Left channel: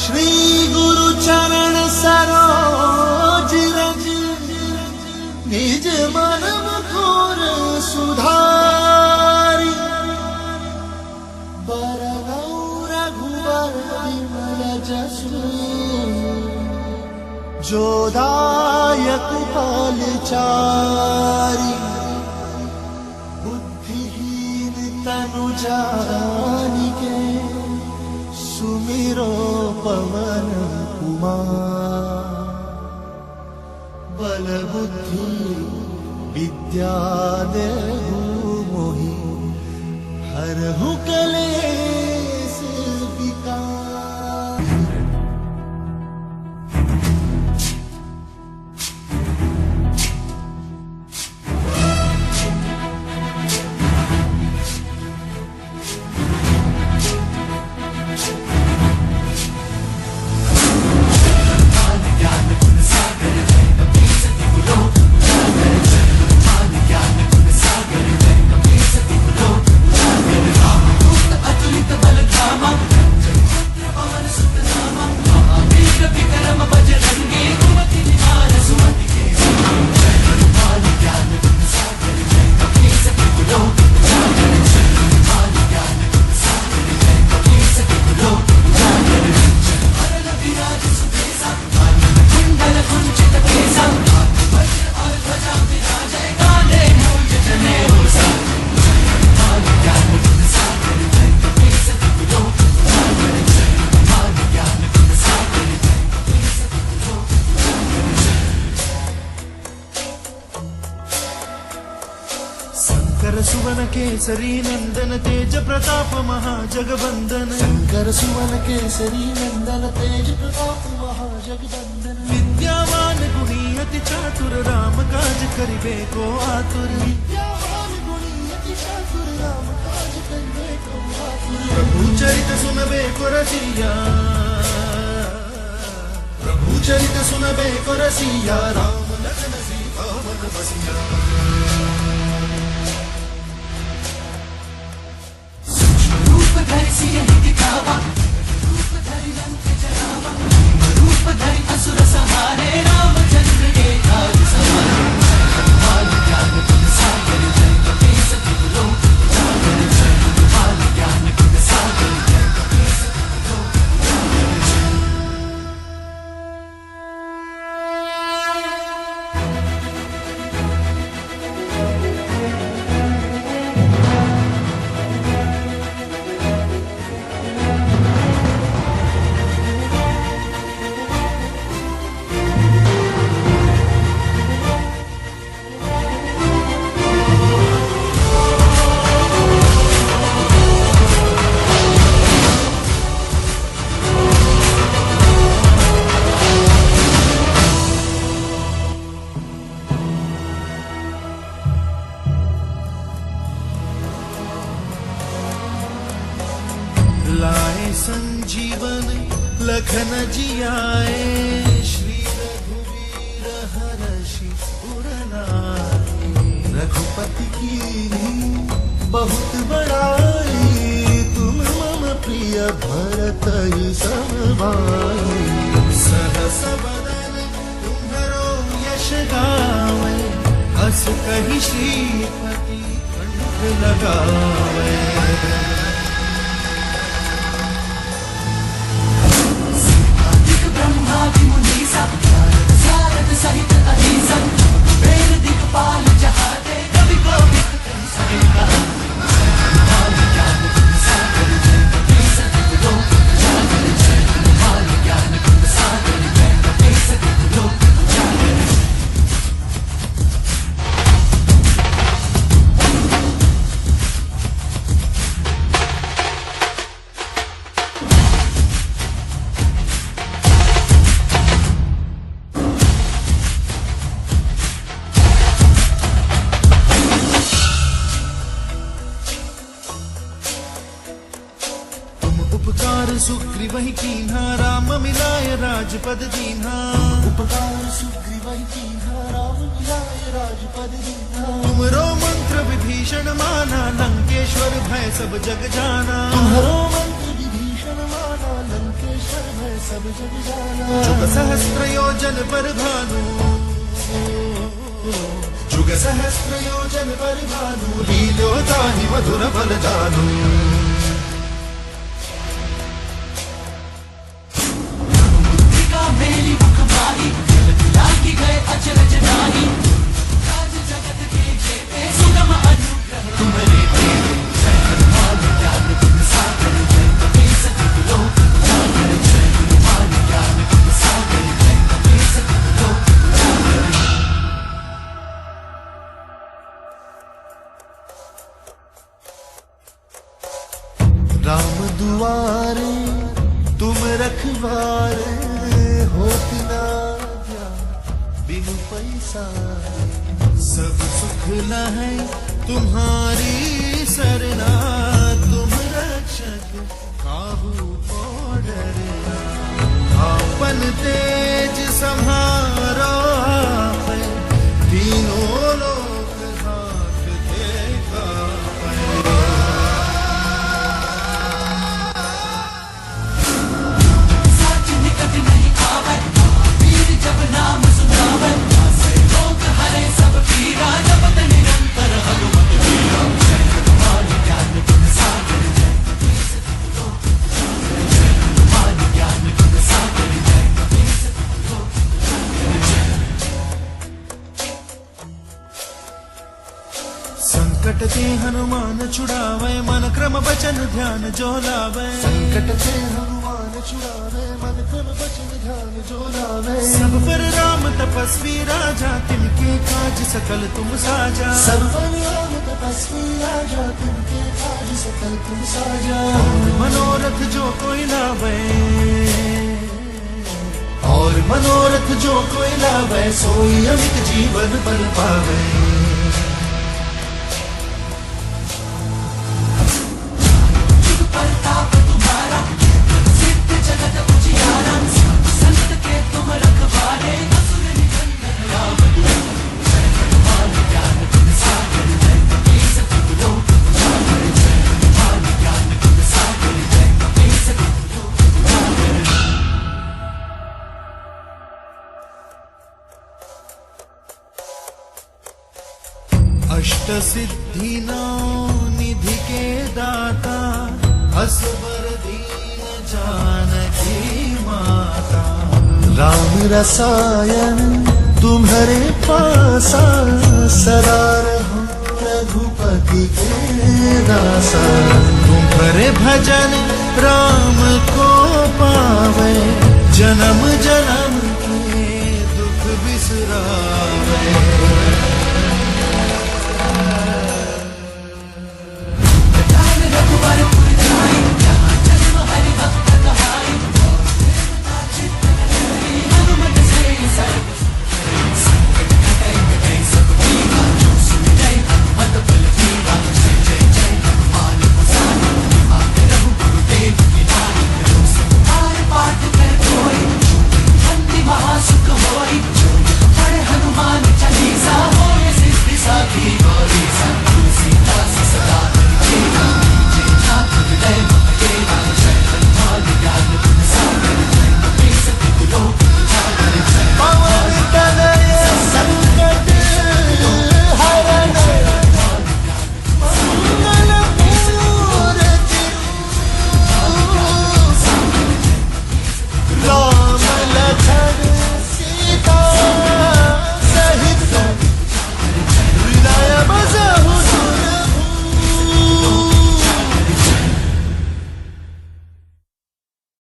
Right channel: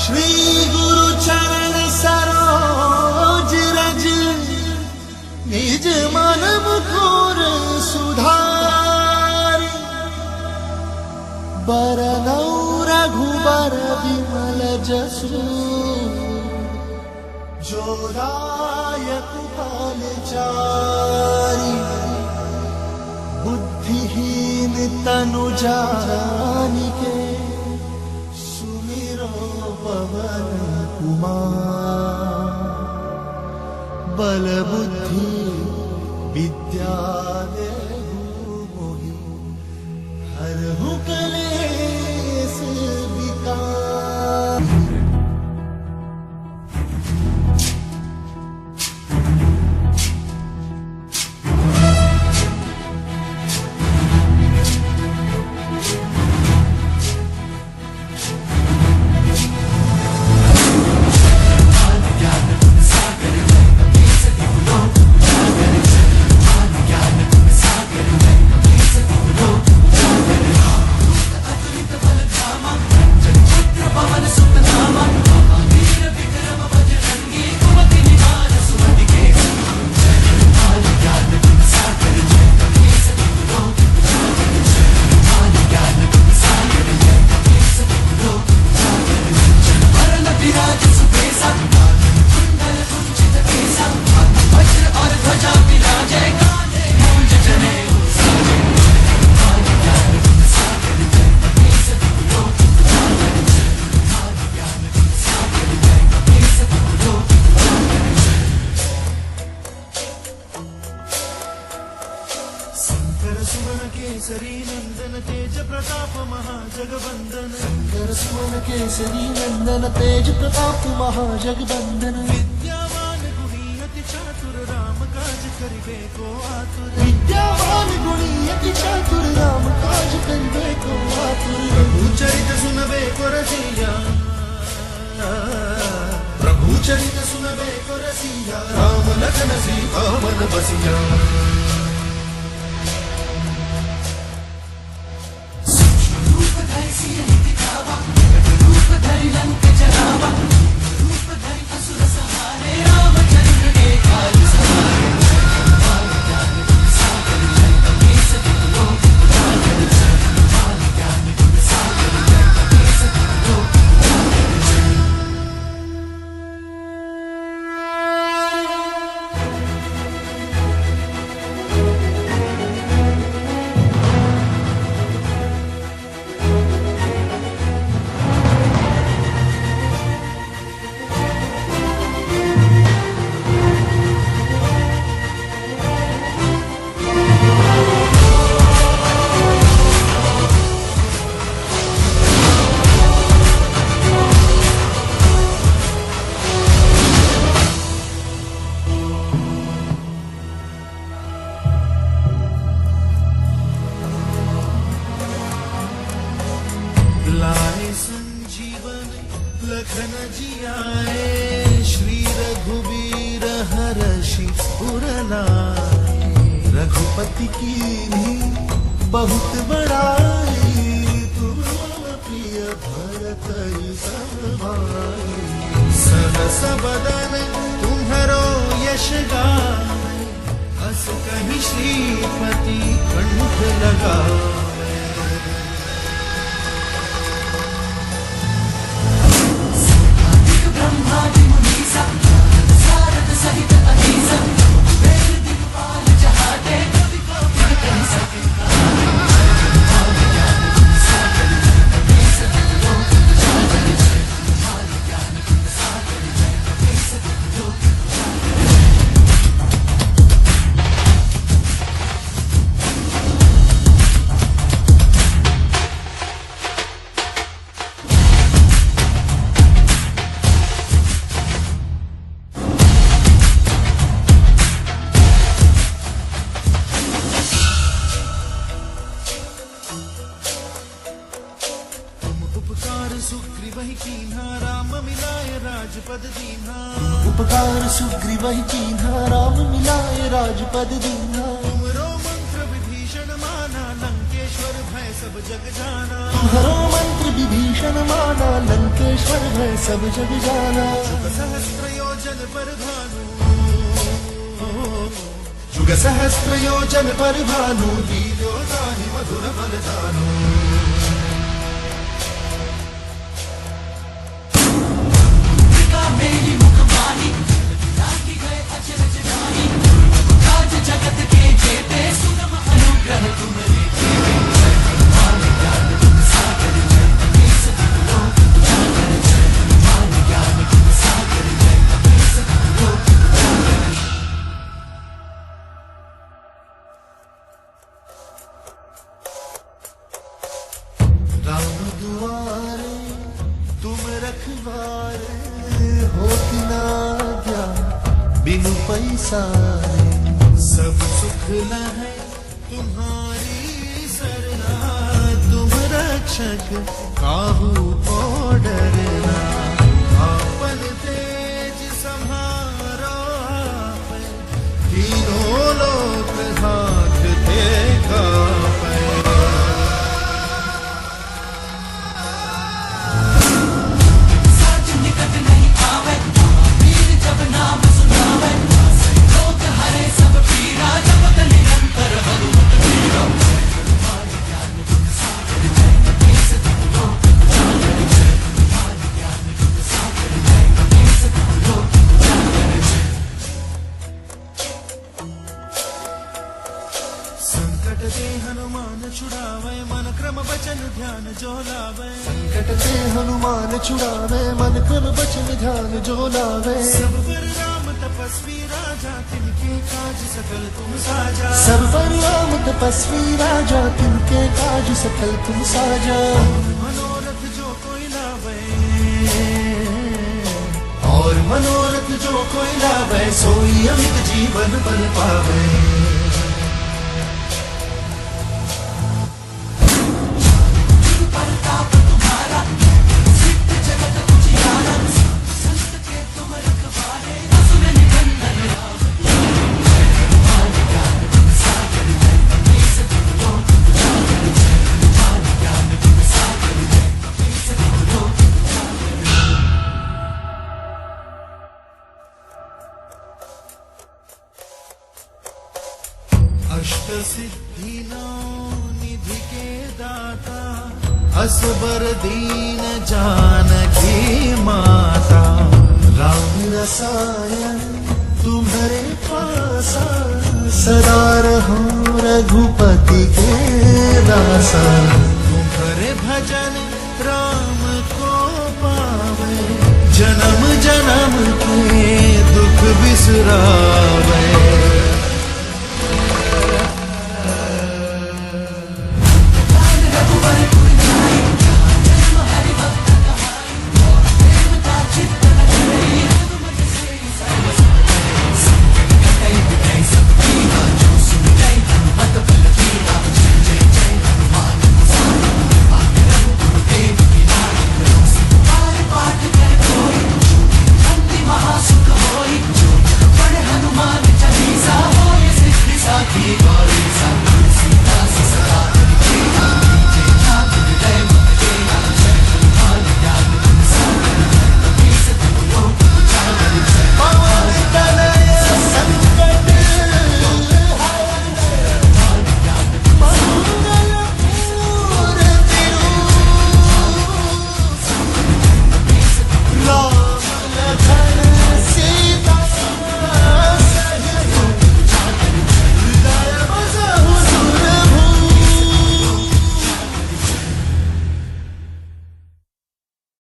श्री गुरु चरण सरोज रज निज मन मुकुर सुधारी बरनौ रघुबर विमल जसु जो दायक फलचारी बुद्धिहीन तनु जानिके सुमिरो पवन कुमार बल बुद्धि विद्या देहु मोहि हरहु कलेश विकार। सुमन केसरी नंदन तेज प्रताप महाजगवंदन शंकर सुमन केसरी नंदन तेज प्रताप महाजगवंदन विद्यावान गुणी अति चातुर राम काज करिबे को आतुर विद्यावान गुणी अति चातुर राम काज करिबे को आतुर प्रभु चरित सुनबे को रसिया प्रभु चरित सुनबे को रसिया राम लखन सीता मन बसिया। लाए संजीवन लखन जियाए श्री रघुवीर हरषि उर लाए रघुपति की बहुत बड़ाई तुम मम प्रिय भरत सम भाई सहस बदन तुम्हरो यश गावे हस कहि श्रीपति कंठ लगावे। सुग्रीवहि कीन्हा राम मिलाय राजपद दीन्हा उपकार सुग्रीवहि कीन्हा राम मिलाय राजपद दीन्हा तुमरो मंत्र विधि विभीषण माना, लंकेश्वर भय सब जग जाना। तुम्हारो मंत्र विभीषण माना, लंकेश्वर भय सब जग जाना। जुग सहस्त्र योजन पर भानु, जुग सहस्त्र योजन पर भानु, लील्योताहि मधुर फल जानू। मेरी मुखमारी लागी गए अचरज नाही, राज जगत के जेते सुगम अनुग्रह तुम्हारे देवे। जय हनुमान ज्ञान गुण सागर, जय कपीस तिहुँ लोक उजागर, जय हनुमान ज्ञान गुण सागर, जय कपीस तिहुँ लोक उजागर। राम दुआरे तुम रखवारे, होत न आज्ञा बिनु पैसारे। सब सुख लहै तुम्हारी सरना, तुम रक्षक काहू को डरना। आपन तेज सम्हारो आपै, तीनों लोक हांकते कापै। साच निकट नहीं आवे, वीर जब नाम सुनावे। से रोग हरे सब पीरा, जपत निरंतर हनुमत वीरा। जय हनुमान ज्ञान गुण सागर, जय कपीस तिहुँ लोक उजागर, जय हनुमान ज्ञान गुण सागर, जय कपीस तिहुँ लोक उजागर। संकट ते हनुमान छुड़ावे, मन क्रम वचन ध्यान जो लावे। संकट ते हनुमान छुड़ावे, मन क्रम वचन ध्यान जो लावे। सब पर राम तपस्वी राजा, तिनके काज सकल तुम साजा। सब पर राम तपस्वी राजा, तिनके काज सकल तुम साजा। मनोरथ जो कोई लावे, और मनोरथ जो कोई लावे, सोई अमित जीवन बल पावे। प्रताप तुम्हारा, सिद्ध जगत उजियारा। संत के तुम रखवारे, असुर निकंदन राम दुलारे। जय हनुमान ज्ञान गुण सागर, जय कपीस तिहुँ लोक उजागर, जय हनुमान ज्ञान गुण सागर, जय कपीस तिहुँ लोक उजागर। अष्ट सिद्धि नौ निधि के दाता, असबर दीन जानकी माता। राम रसायन तुम्हारे पासा, सदा रहो रघुपति के दासा। तुम्हारे भजन राम को पावे, जन्म जन्म